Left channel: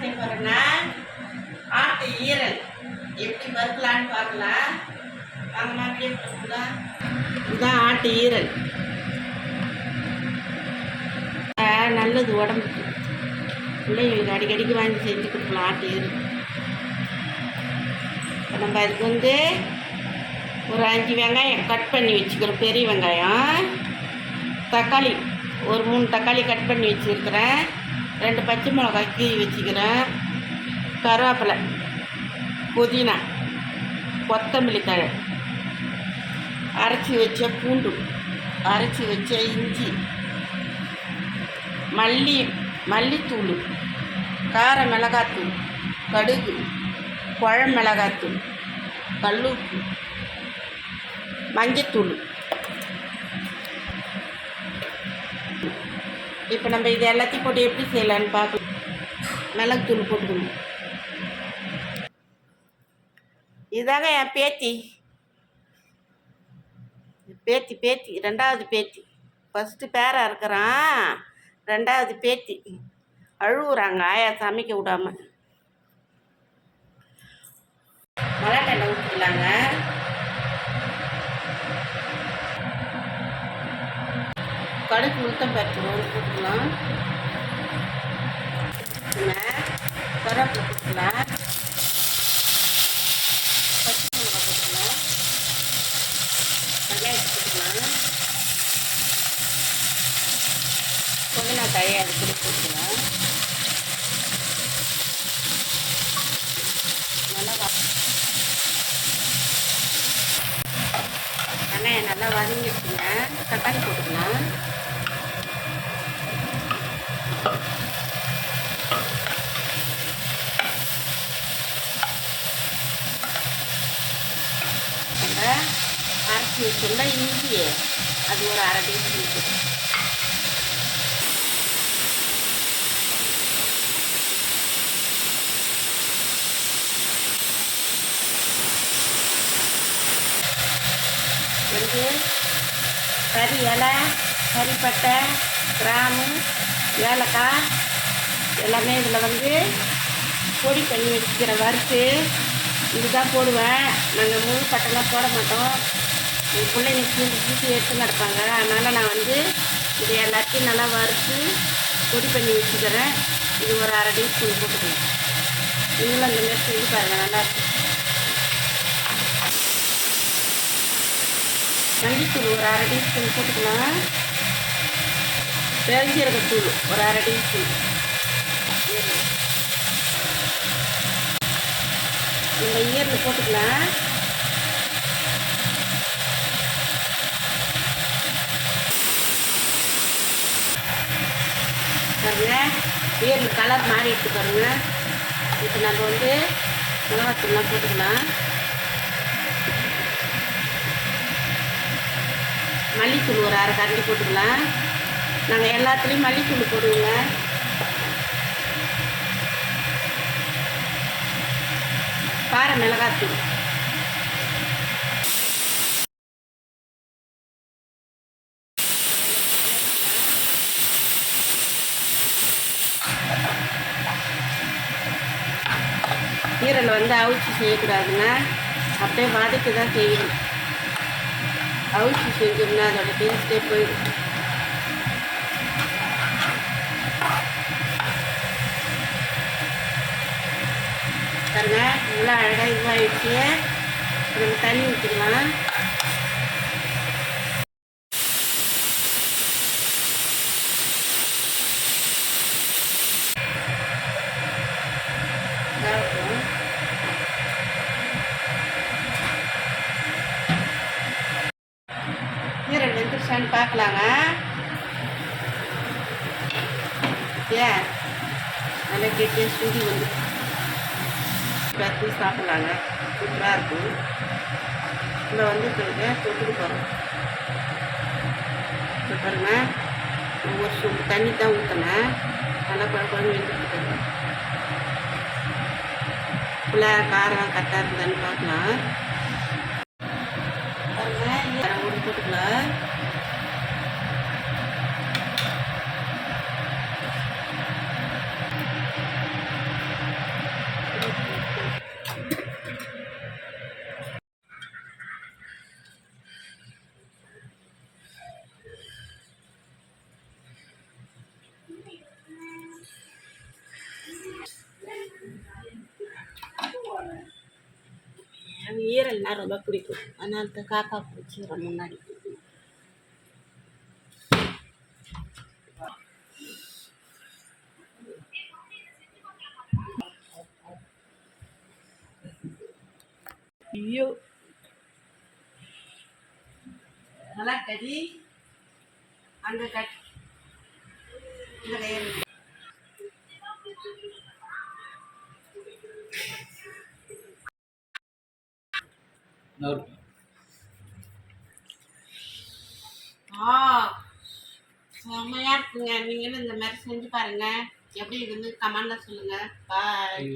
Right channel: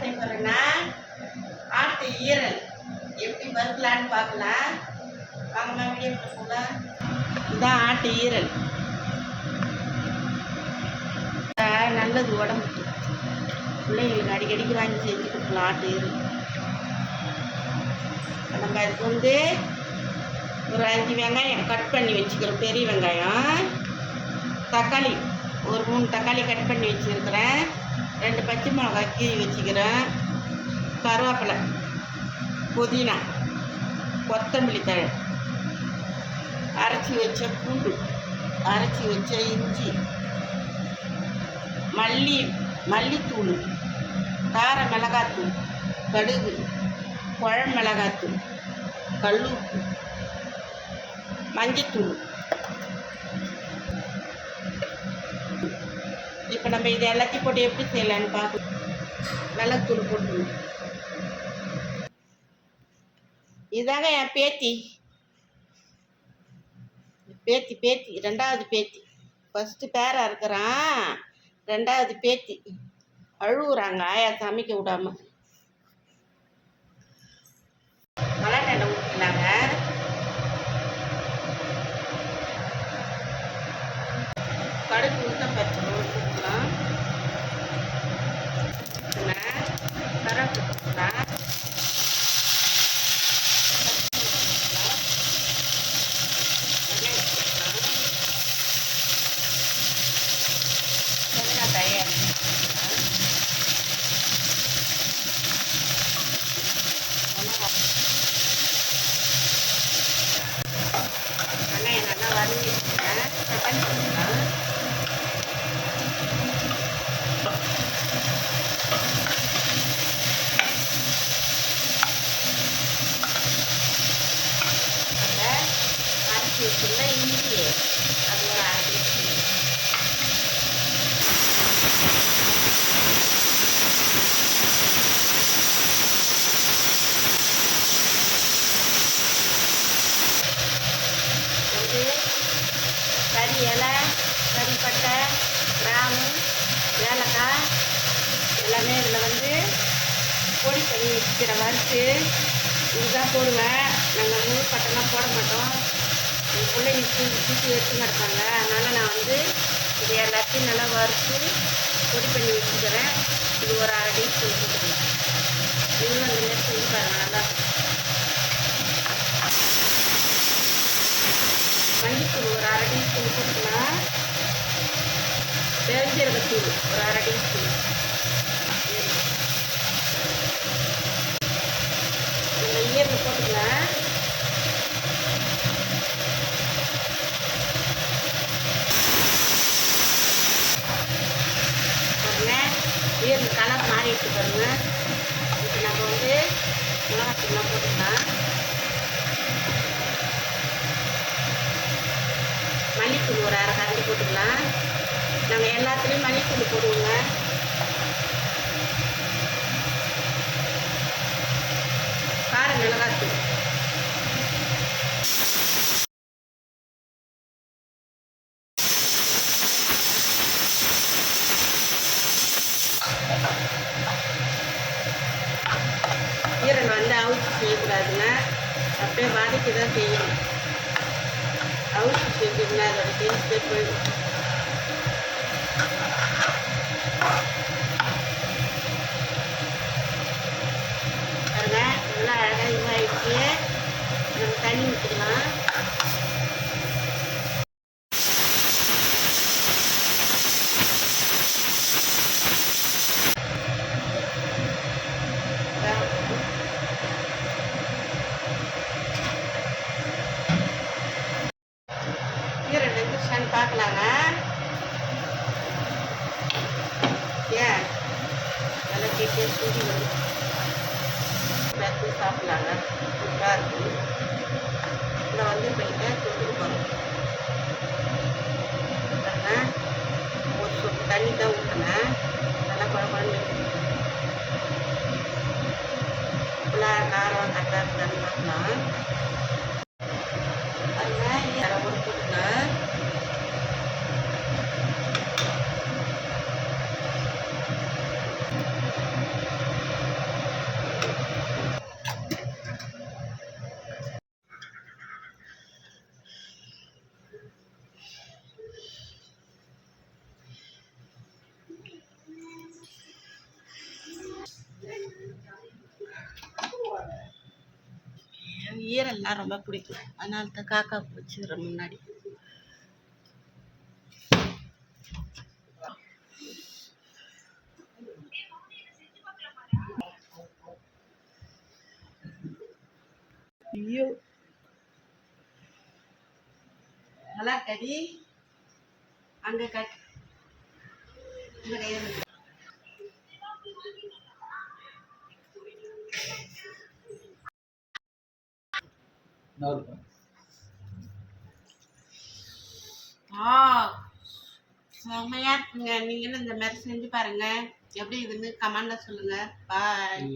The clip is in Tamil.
செய்ய போகிறேன்னா ஆட்டு ஈரல் எப்படி வறுக்கலான்னு பார்க்கலாம். வாங்கம்மா வீடியோ போட்டுங்களா. இதுதான் ஆட்டு ஈரல். நல்லது உடம்புக்கு. பிள்ளைங்களுக்கு அடிக்கடிக்கு வாங்கி செஞ்சு கொடுக்கலாம் ஆட்டு ஈரல். நம்ம அதுக்கு ஒரு 5 வெங்காயம் கட் பண்ணி வச்சுக்கிறோம். பெரிய வெங்காயம், தக்காளி ஒரு 3 தக்காளி கட் பண்ணி வச்சுருக்கிறேன். 2 பச்சை மிளகாய் கீறி வச்சுக்கிறேன். கருவேப்பிலை, புதினா, கொத்தமல்லி தழை, அரைச்சி வச்ச பூண்டு, அரைச்சி வச்ச இஞ்சி, மல்லித்தூள், கார மிளகாத்தூள், கடுகு, குழம்பு மிளகாத்தூள், கல்லுப்பு, மஞ்சத்தூள். இப்போ நம்ம இது எல்லாத்தையும் போட்டு எப்படி செய்யலான்னு பார்க்கலாம். மிளகுத்தூள் போட்டுக்கணும். இதாங்க என் பேத்தி 2வது பேத்தி. ஃபஸ்ட்டு பேரா இருக்கிறான், 2வது பேத்தி. அழுகுறாங்க ஆயா சமைக்க விடாம. மலாட்டை எண்ணெய் ஊற்றிக்கலாங்க. கடுகு உளுத்தம் பருப்பு போட்டுக்கலாம். கருவேப்பிலை போட்டுக்கலாம். தயாரி போட்டுக்கலாம். வெங்காயம் நல்லா வதங்கிடுச்சுங்க. தக்காளி போட்டுக்கலாம். நம்ம அரைச்சி வச்சுருந்தா இஞ்சி அது ஒரு 1/2 டீஸ்பூன். கறி இலை, கறிப்பட்டை, கிராம்பு, ஏலக்காய் எல்லாமே இதில் பொடி பண்ணி வச்சுக்கிற வறுத்து இதுதான் போடுவேன். நாங்கள் முழு பட்டெல்லாம் போட மாட்டோம். என் பிள்ளைங்க சூசி எடுத்து நடப்பாங்க. அதனால் நான் இது எல்லாத்தையும் நல்லா வறுத்து பொடி பண்ணி வச்சுக்கிறேன். இது ஒரு 1/2 டீஸ்பூன் போட்டுக்கலாம். நீங்களும் அந்த மாதிரி செஞ்சு பாருங்கள், நல்லாயிருக்கும். மல்லித்தூள் ஒரு 1/2 டீஸ்பூன் போட்டுக்கலாம். பெருஞ்சீரகத்தூள் ஒரு 1/2 டீஸ்பூன். இந்த ஈரல் போட்டுக்கலாம். பாருங்க, ஈரல் கலர் மாறிட்டு பாருங்க. இப்போ நம்ம மிளகாத்தூள்லாம் போட்டுக்கலாம். மல்லித்தூள் ஒரு 1/2 கரண்டி போட்டுக்கலாம். நாங்கள் எல்லாத்துலேயும் மல்லித்தூள் போடுவோங்க. கார மிளகாத்தூள், ஈரல் அவிச்சு செய்யக்கூடாதுங்க. அப்படியே வதக்கி தான் செய்யணும். அவிச்சு செஞ்சோம்னா அதோட டேஸ்ட்டே போயிடும். பாருங்க, நல்லா அழகாக இதுவாகிடுச்சு. நம்ம தண்ணி ஊற்றிக்கலாம். ஈரல் வெந்துருச்சான்னு பார்க்கலாங்க. ஏன் நல்லா கெட்டிய சுடி வச்சு சாப்பிட்லாங்க. சூப்பராக இருக்கும். இதில் தொட்டுட்டு போகிறோம். பாருங்க, ஒரு சொட்டு தண்ணி தான் ஊற்றினேன். நல்லா குழம்பு எடுத்துக்கிட்டேன். காரம் கரெக்டாக இருக்குதான்னு பார்க்கலாம். பாருங்க, ஒரு போட்டுக்கலாம். ஈரல்னால் ரொம்ப பிடிக்கும். அதனால தான் காக்கா வச்சுக்கிறேன் முன்னாடி. ஐயோ நல்லா கடி அங்கே கட் இந்த கையில் செம்மையாக இருக்குங்க. நீங்களும் இந்த மாதிரி செஞ்சு பாருங்கள். எப்படி இதுன்னு கமெண்டில் சொல்லுங்கள். பாய்.